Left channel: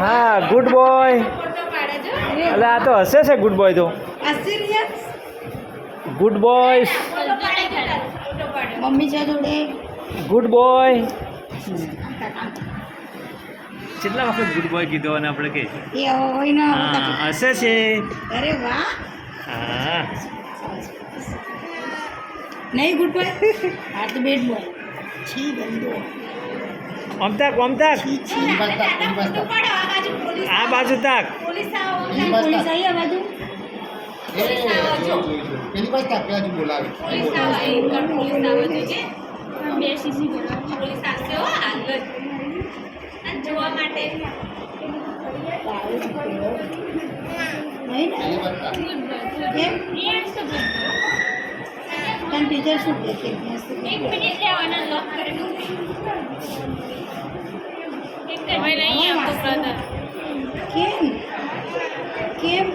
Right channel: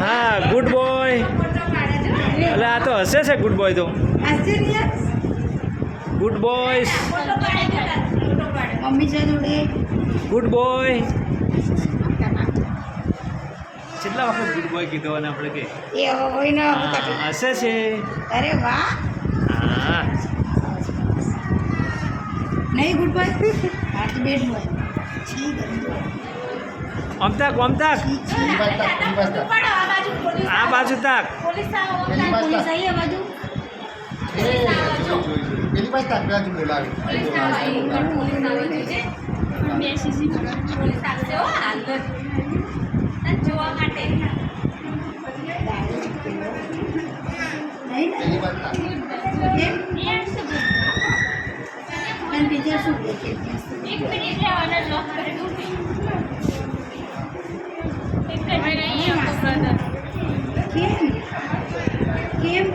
હા good boy. એટલે આ તો હસે છે ગુડ બોય તો. Good boys. મમ્મી છે જોડે. Good boy. કેટલા વખત ગુડ બોય કીધો અને આપણે કે એ હોય ને હસે છે. અરે વાહ. હા નહીં ગુડ બોય. આ તો બેડ બોય. છી ગંદો. ઓમતાક ઓમતાક છી આ બાજુ તાક. પોલીસ આવી આ બાજુ. પેલી બાજુ તાક બાજુ બોલાવે નહીં ને? કેમ? તને ટીચર શું કહે છે? કેમ? કેમ?